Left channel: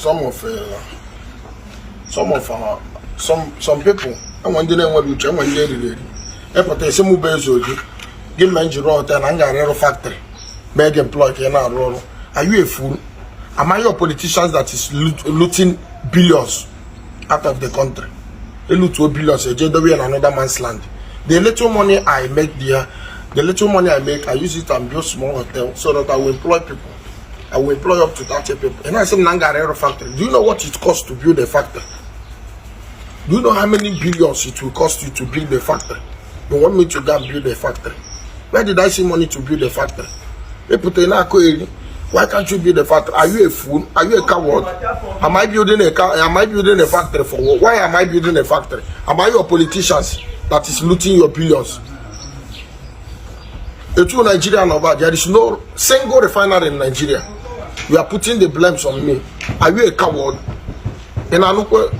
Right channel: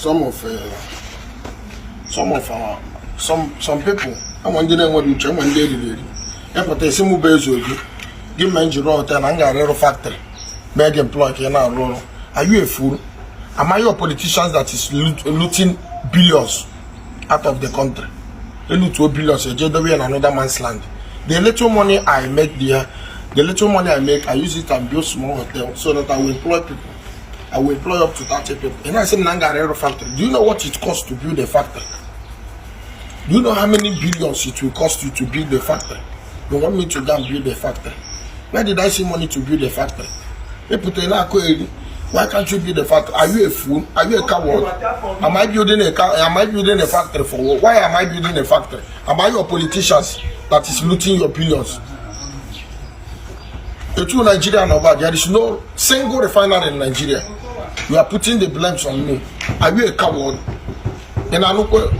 some people. I want to know what you tell me. But they say move Ezeobi. Give me engineer hotel and a factory. Make employee Are you a fool? Am I your politicians that is looting billions out of the country? They loot 2 billions a JW and another man's land. The little money I make there, I use it and build small hotel so that I will employ people. I will employ up to 30 people. And I say Nangarero factory. Do you know what it costs to build a factory? Do you know how many billions it will cost you to build a factory? You want me to go and build a factory? Where did I see money to build a factory? Why can't you build a factory? Are you a fool? Are you a coward? Am I building a factory for what? Why am I building a factory? Am I your politicians that is looting your billions? The two Nigerian about there is no single refinery in Nigeria. You are putting the blames on me. Are you a coward? And I look when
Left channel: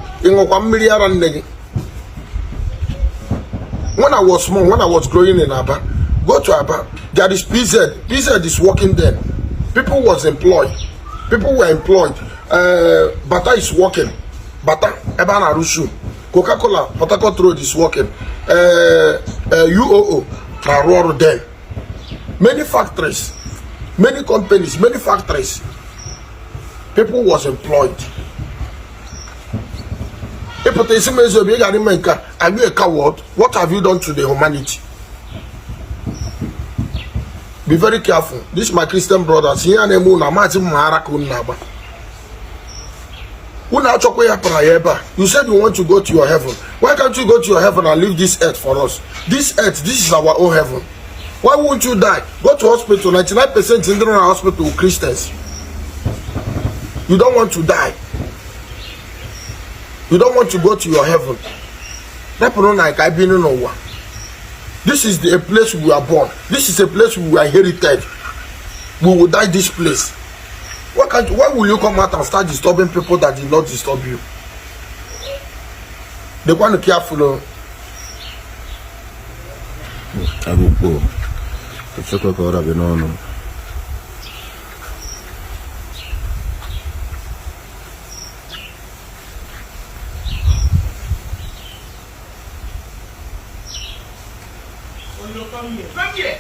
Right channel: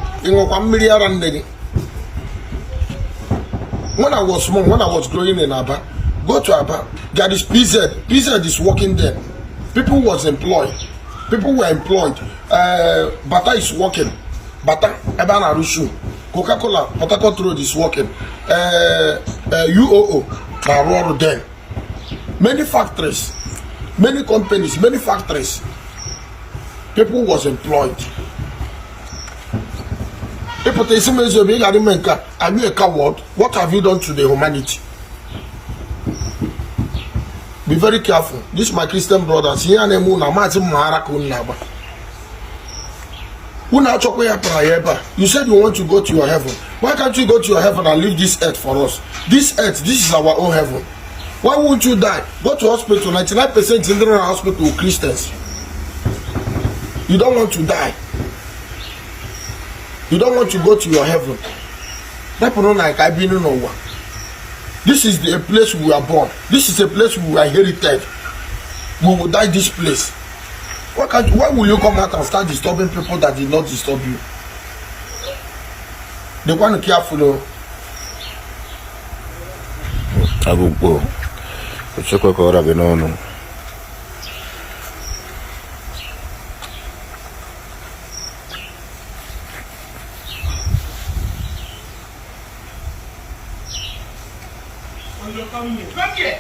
I was small, when I was growing in Aba, go to Aba, there is PZ. PZ is working there. People was employed. People were employed. Bata is working. Bata, Eban Arushu. Coca-Cola, Port Harcourt Road is working. UOO, Maroro there. Many factories, many companies, many factories. People was employed. People say, "Are you a coward? What have you done to the humanity?" Be very careful. This is my Christian brothers. You said you want to go to your heaven. Why can't you go to your heaven and leave this earth for us? This earth, this is our own heaven. Why won't you die? Go to hospital. 99% in the hospital with Christians. You don't want to die. You don't want to go to your heaven. This is the place we are born. This is a place we are inherited. We will die this place. Why will you come out and start disturbing people that did not disturb you? They want to be careful. I will go. Check what I know. Come here.